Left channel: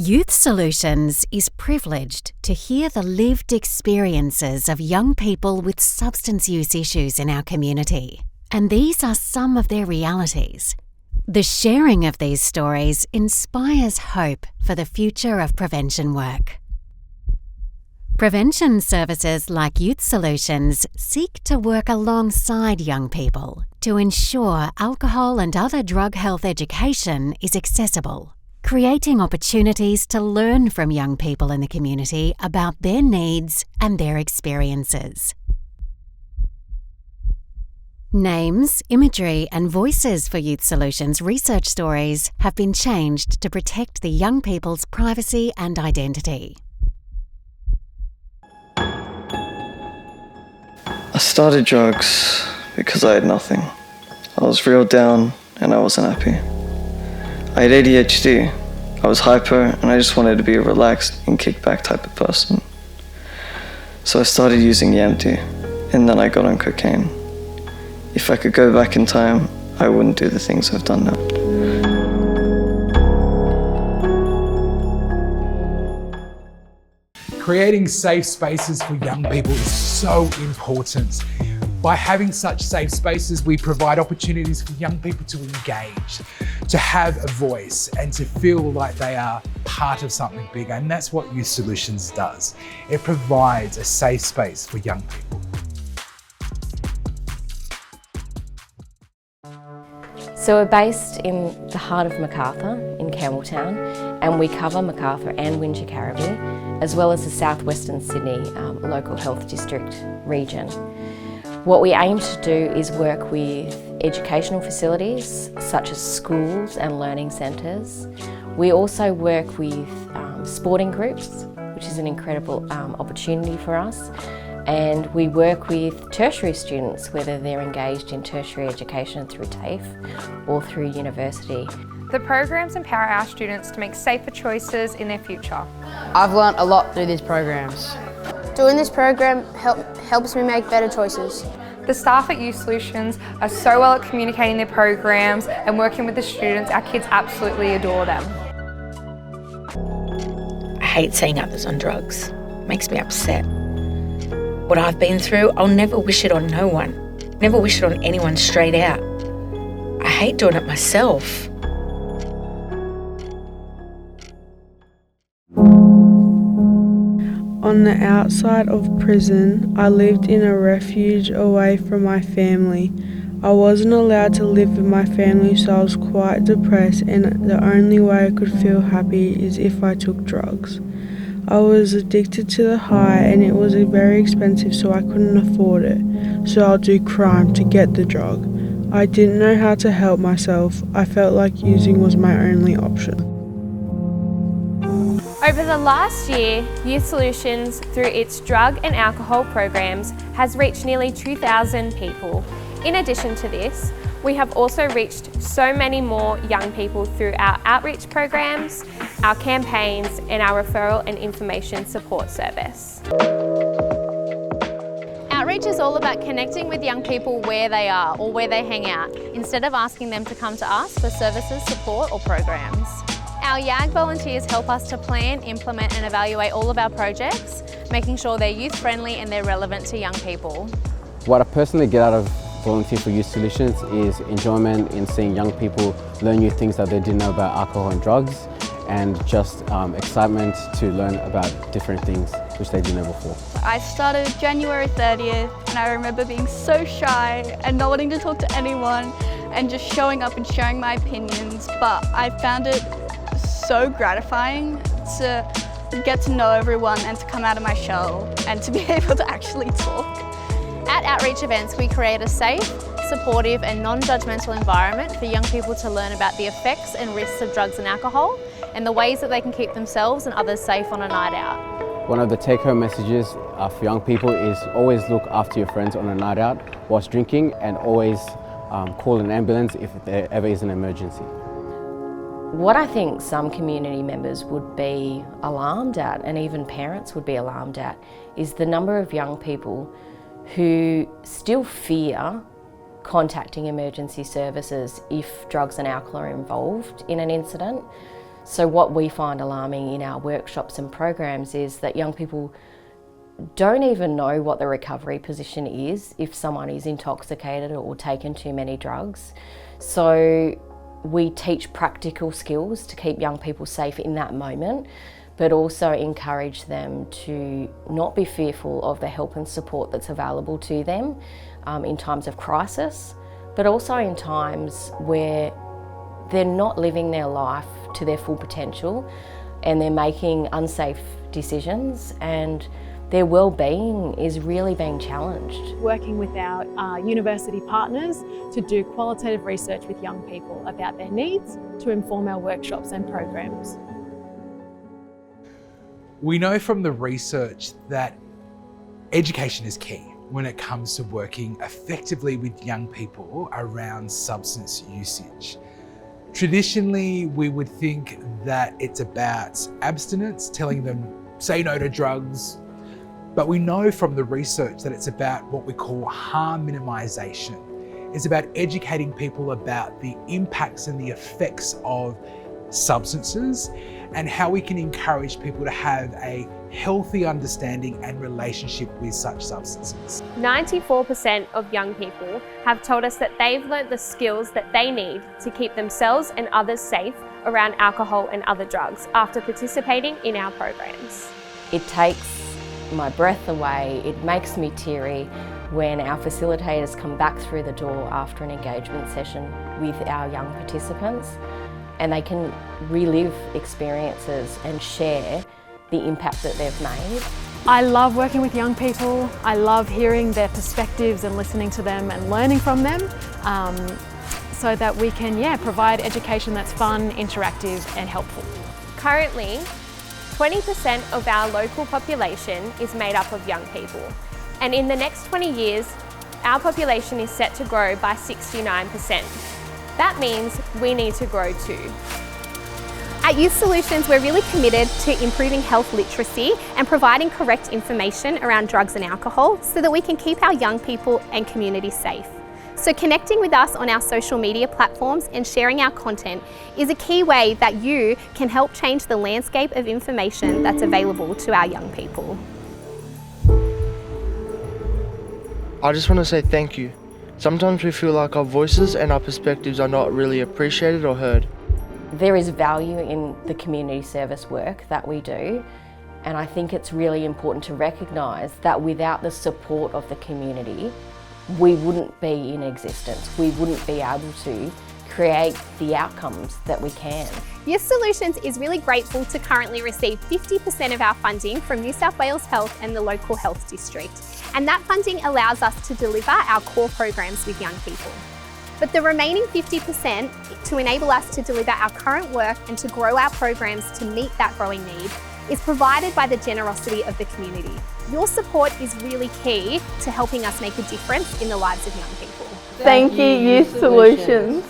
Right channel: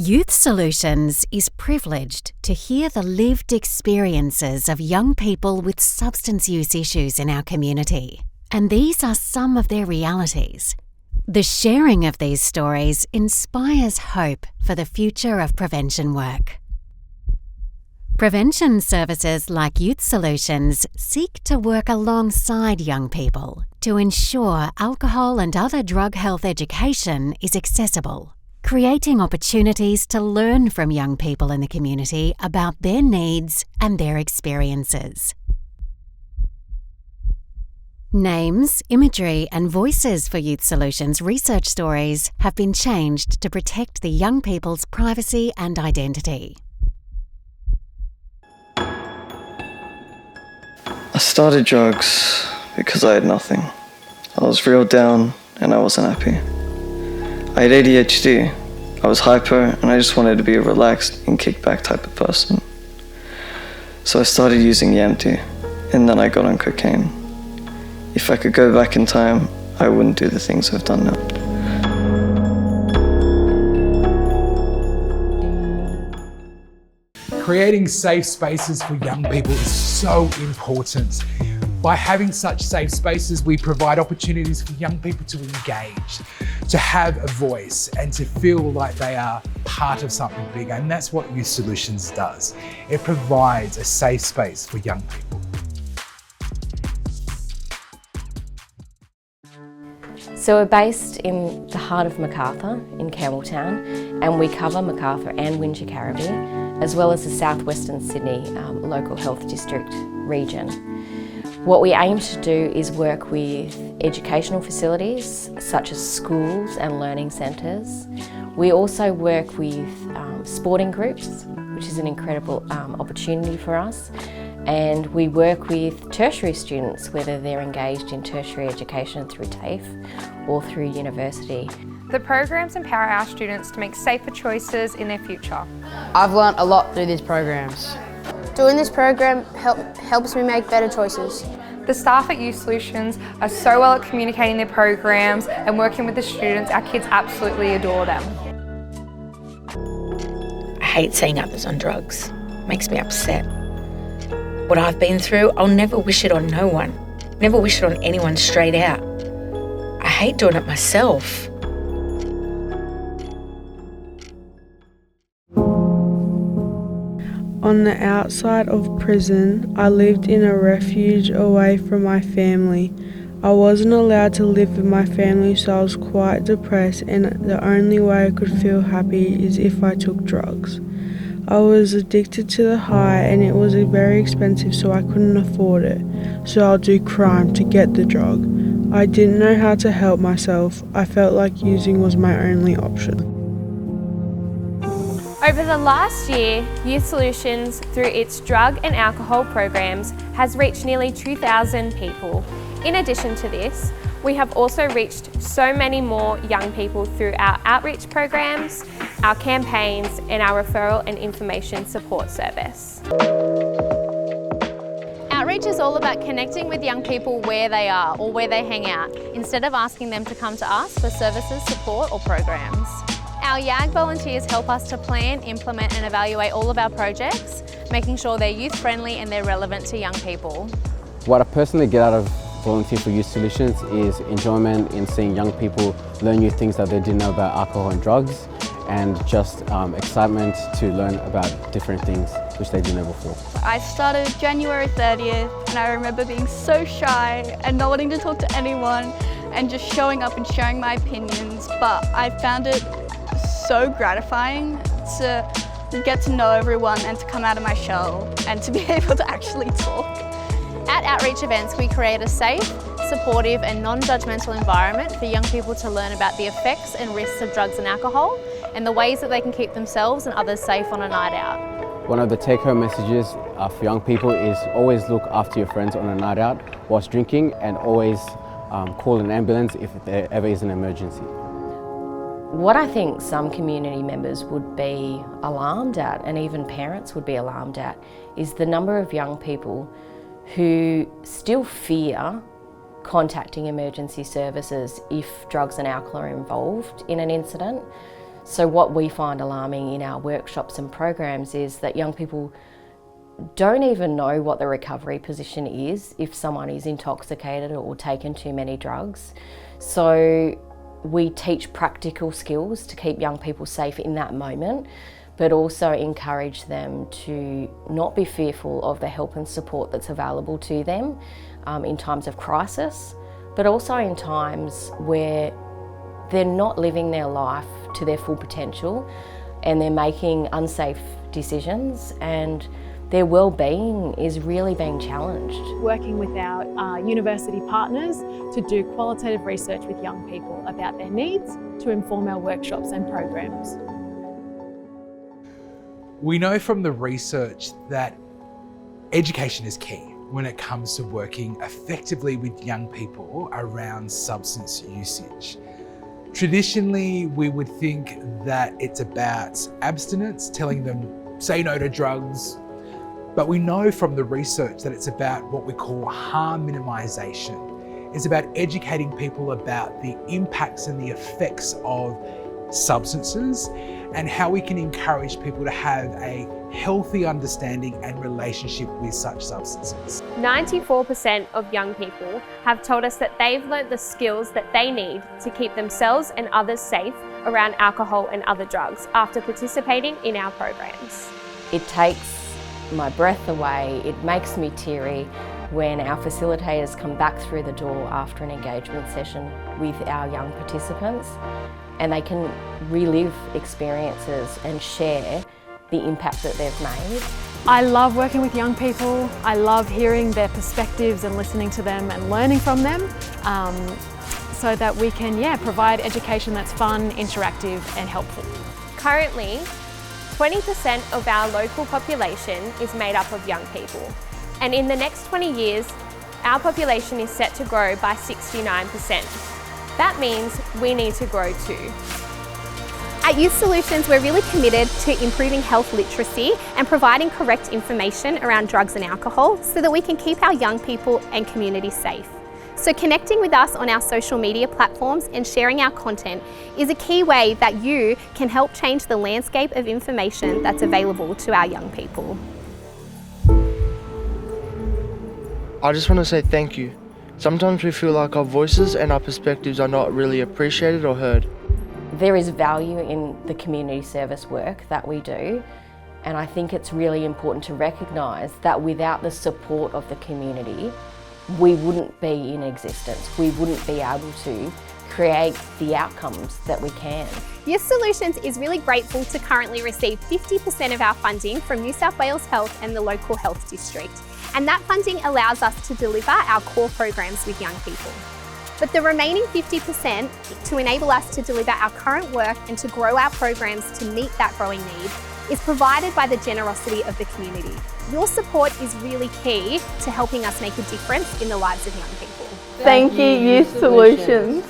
Youth Solutions is privileged to hear the lived experiences of young people with substance use issues in our community, and these are some of their realities. The sharing of these stories inspires hope for the future of prevention work. Prevention services like Youth Solutions seek to work alongside young people to ensure alcohol and other drug health education is accessible, creating opportunities to learn from young people in the community about their needs and their experiences. Names, imagery and voices for Youth Solutions research stories have been changed to protect the young people's privacy and identity. I started drugs because I had nothing. I was real down and I wasn't happy. I had ADHD. I was hyper and I just wanted to be a relaxed and kick-back type of person. So I started using Yamty and then I got on cocaine. If I could go back in time, I wouldn't do the things I've done now. Creating safe spaces for young people is so important. By having such safe spaces, we provide opportunities for young people to engage, to have a voice and to feel like they are part of something bigger. And that's what Youth Solutions does. It provides a safe space for young people. So we're based in the heart of Macarthur in Campbelltown, and we cover Macarthur and Wingecarribee, as well as the southwestern Sydney local health district region. What we aim to do is work with educational facilities such as schools and learning centres. We also work with sporting groups, which is an incredible opportunity for us. And we work with tertiary students, whether they're engaged in tertiary education through TAFE or through university. The programs empower our students to make safer choices in their future. I've learnt a lot through these programs. Doing this program helps me make better choices. The staff at Youth Solutions are so well at communicating their programs and working with the students. Our kids absolutely adore them. I hate seeing others on drugs. It makes me upset. What I've been through, I'll never wish it on no one. Never wish it on anyone straight out. I hate doing it myself. On the outside of prison, I lived in a refuge away from my family. I wasn't allowed to live with my family, so I was quite depressed, and the only way I could feel happy is if I took drugs. I was addicted to the high and it was very expensive, so I couldn't afford it. So I'll do crime to get the drug. I didn't know how to help myself. I felt like using was my only option. Over the last year, Youth Solutions, through its drug and alcohol programs, has reached nearly 2,000 people. In addition to this, we have also reached so many more young people through our outreach programs, our campaigns and our referral and information support service. Outreach is all about connecting with young people where they are or where they hang out, instead of asking them to come to us for services, support or programs. Our YAG volunteers help us to plan, implement and evaluate all of our projects, making sure they're youth friendly and they're relevant to young people. What I personally get out of volunteer for Youth Solutions is enjoyment in seeing young people learn new things that they didn't know about alcohol and drugs, and just excitement to learn about different things which they didn't know before. I started January 30th and I remember being so shy and not wanting to talk to anyone and just showing up and sharing my opinions, but I found it so gratifying to get to know everyone and to come out of my shell and to be able to actually talk. At outreach events, we create a safe, supportive and non-judgmental environment for young people to learn about the effects and risks of drugs and alcohol and the ways that they can keep themselves and others safe on a night out. One of the take-home messages for young people is always look after your friends on a night out whilst drinking, and always call an ambulance if there ever is an emergency. What I think some community members would be alarmed at, and even parents would be alarmed at, is the number of young people who still fear contacting emergency services if drugs and alcohol are involved in an incident. So what we find alarming in our workshops and programs is that young people don't even know what the recovery position is if someone is intoxicated or taken too many drugs. So we teach practical skills to keep young people safe in that moment, but also encourage them to not be fearful of the help and support that's available to them in times of crisis, but also in times where they're not living their life to their full potential and they're making unsafe decisions and their well-being is really being challenged. Working with our university partners to do qualitative research with young people about their needs to inform our workshops and programs. We know from the research that education is key when it comes to working effectively with young people around substance usage. Traditionally, we would think that it's about abstinence, telling them say no to drugs, but we know from the research that it's about what we call harm minimisation. It's about educating people about the impacts and the effects of substances and how we can encourage people to have a healthy understanding and relationship with such substances. 94% of young people have told us that they've learnt the skills that they need to keep themselves and others safe around alcohol and other drugs after participating in our programs. It takes my breath away, it makes me teary when our facilitators come back through the door after an engagement session with our young participants and they can relive experiences and share the impact that they've made. I love working with young people. I love hearing their perspectives and listening to them and learning from them so that we can provide education that's fun, interactive and helpful. Currently, 20% of our local population is made up of young people. And in the next 20 years, our population is set to grow by 69%. That means we need to grow too. At Youth Solutions, we're really committed to improving health literacy and providing correct information around drugs and alcohol so that we can keep our young people and community safe. So connecting with us on our social media platforms and sharing our content is a key way that you can help change the landscape of information that's available to our young people. I just want to say thank you. Sometimes we feel like our voices and our perspectives are not really appreciated or heard. There is value in the community service work that we do, and I think it's really important to recognise that without the support of the community, we wouldn't be in existence. We wouldn't be able to create the outcomes that we can. Youth Solutions is really grateful to currently receive 50% of our funding from New South Wales Health and the local health district. And that funding allows us to deliver our core programs with young people. But the remaining 50% to enable us to deliver our current work and to grow our programs to meet that growing need is provided by the generosity of the community. Your support is really key to helping us make a difference in the lives of young people. Thank you, Youth Solutions.